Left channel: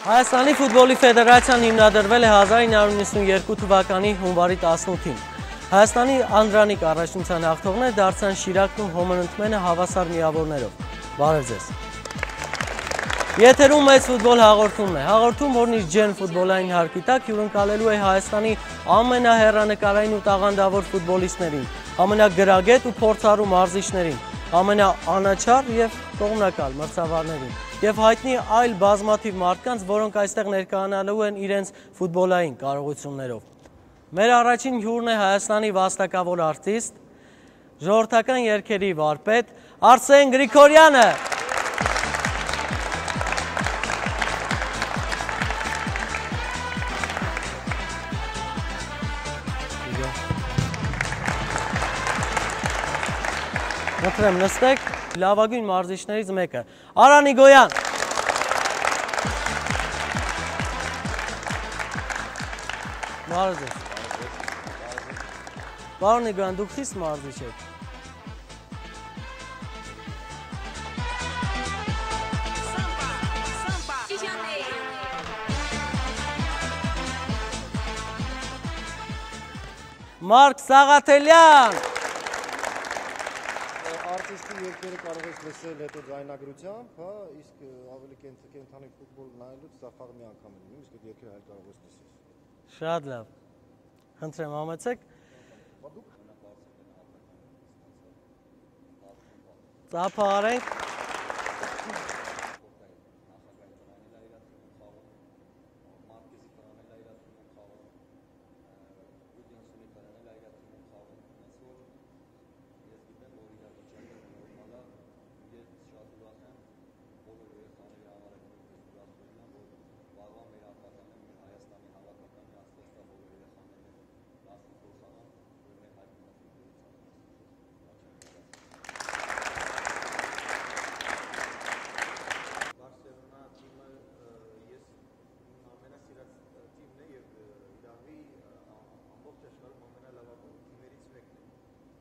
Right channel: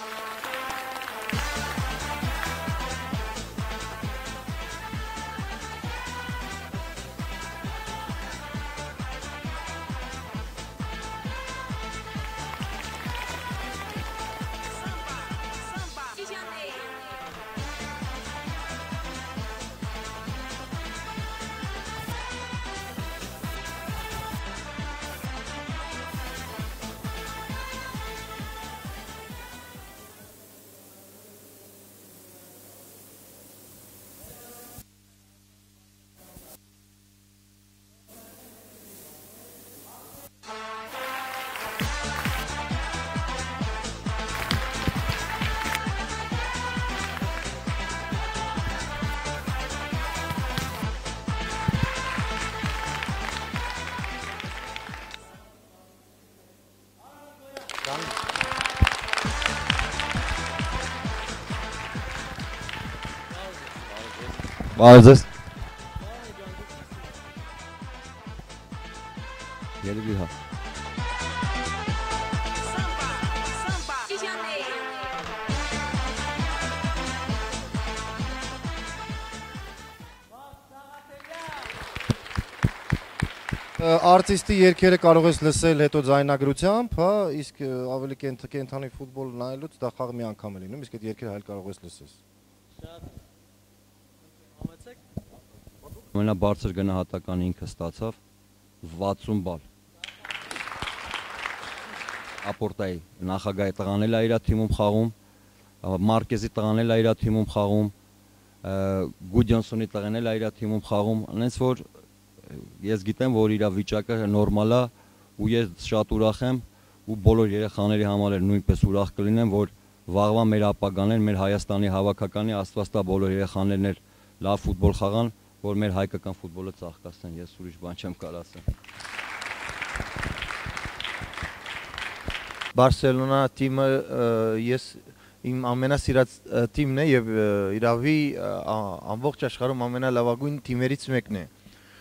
Հայաստանի ֆուտբոլի ֆեդերացիան հիմնադրվել է 1992 թվականի հունվարի 18-ին։ Հայաստանի անդրանիկ առաջնության հաղթողներ դարձան Շիրակում հոմանընկմենը հավասար միավորներով։ Բարև ձեզ։ Եթերում մեծ ֆուտբոլ հաղորդումն է։ Հաղորդում, որն իր ջերմ ֆուտբոլային հարկի տակ հյուրընկալելու է Հայաստանի ամենահեռանկարային ու տաղանդավոր ֆուտբոլիստներին, ամենագրագետ ու փորձառու մարզիչներին, ամենաանաչառ և կողմնակալ մրցավարներին և հայտնի այլ բազմաթիվ մարդկանց, որոնք այստեղ ներկայանալու են իրենց ֆուտբոլային կարողություններով։ Մեր առաջին հյուրն է Հայաստանի վաստակավոր արտիստ, ժողովրդական երգերի վարպետ Արսեն Գրիգորյանը։ Մխրեմ նստեք, լավագույն մարզիչներից մեկը, Արան Իգոյան։ Բարև ձեզ։ Պարոն Իգոյան, դուք քիչ մարզիչ եք։ Երևի հա։ Մարկ Սաղաթելյան։ Արտիստի երգերը կարող ես լսել հետո ձայնագրությամբ, հա, իսկ ավելի կենդանի ֆուտբոլ նայելուց դա խաղ մի անգամ է լինում, իսկ այդ երգերը հայլ կարող ես լսես։ Շատ լավ։ Խնդրեմ, համեցեք։ Ամենաբարձր գնահատականը ինքը ստացավ 60 բալ։ Ծափահարենք։ Ապորտայի նախագահի տղան էլ է իր թիմում խաղում, Մարկեզի տղան էլ է իր թիմում խաղում, Գուդյոնսոնի տղան էլ է իր թիմում խաղում, այնց որ ես գիտեմ, որ իր վիճակը նորմալ է ու ես շատ ուրախ եմ ու բոլոր երեխաների համար էլ նույնպես ուրախ կլինեմ, որ վաղվա մեր ապագան, մեր Հայաստանի հավաքականի Աստված տա բոլոր երեխաներն էլ լավ ֆուտբոլ խաղան, որ մեր հայկական ֆուտբոլը ծաղկացնեն, ես ուրիշ բան չեմ կարող ասել։ Բարսելոնա թիմը ես իմ ամենասիրած թիմն է եւ իրավի ամբողջ աշխարհում ամենալավագույն թիմերից մեկն է։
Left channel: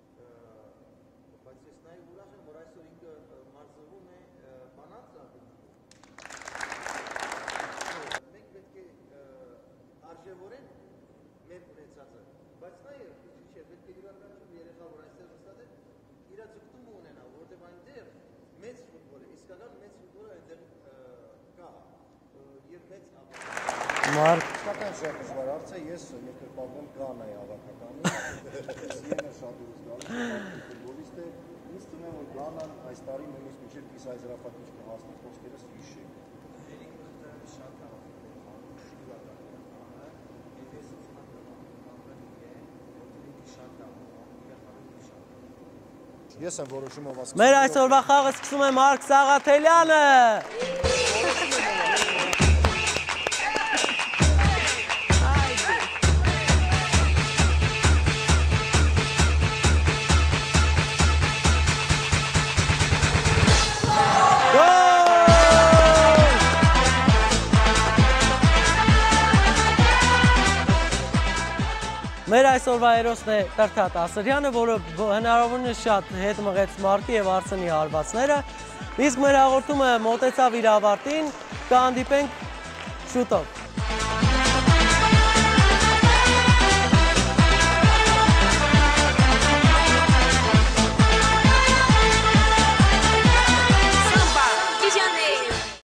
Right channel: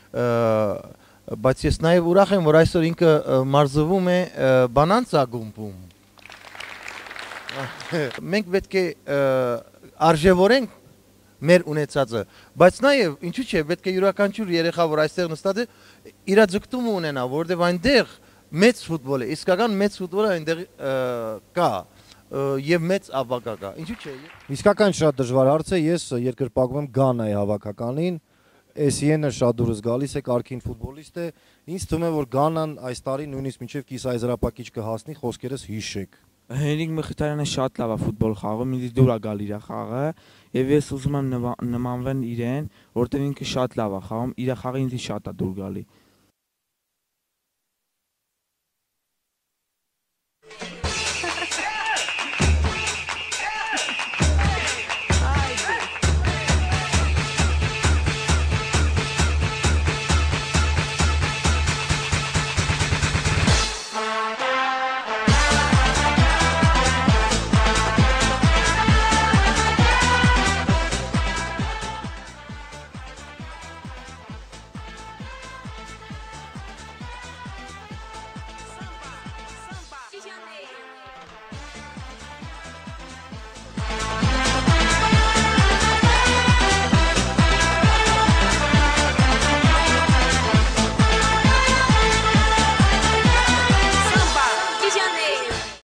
Բայց ես նաև ուրախ եմ, որ այսօր ինքը մարզվում է Բանանցա գումբում։ Մենք պետք է արժևորենք մեր ունեցածը, բայց նաև ինչու՞ չէ, պետք է յուրաքանչյուր երեխա, որ այստեղ նստած է, իր ձգտումը ունենա, որովհետև այնտեղ մեծ ֆուտբոլ է, իսկական մեծ ֆուտբոլը այնտեղ կա եւ մեծ ապագա կա։ Իսկական շատ դժվար հարց է, ես երկրպագում եմ Գանայի հավաքականին։ Էսիենը շատ դուրս գալիս է, կարգին ֆուտբոլիստ է, ինձ թվում է, որ Գանան այս տարի նույնիսկ մինչև կիսայզրապակիչ կհասնի, խոսքերս հիշեք։ Հենրիկ Մխիթարյանը շատ լավ է ֆուտբոլ խաղում, ինձ դուր է գալ իր խաղը, եւ ես ուզում եմ նմանվեն իրեն, որտեղ ինքը շատ լավ է խաղում, իր խաղը ինձ շատ է դուր գալի։ Ես եմ որոշումով ասում։ Մեր այսօրվա խաղը սկսում է Մարկ Սաղաթելյանը։ Մեր այսօրվա հերոսն է Տրթատ Ասրյանը, որը հնարավորինս շատ հետ մղեց Մարկի և Արսենի հարվածները, իսկ մեր հաղորդումը մոտեցավ իր ավարտին, կհանդիպենք շուտով։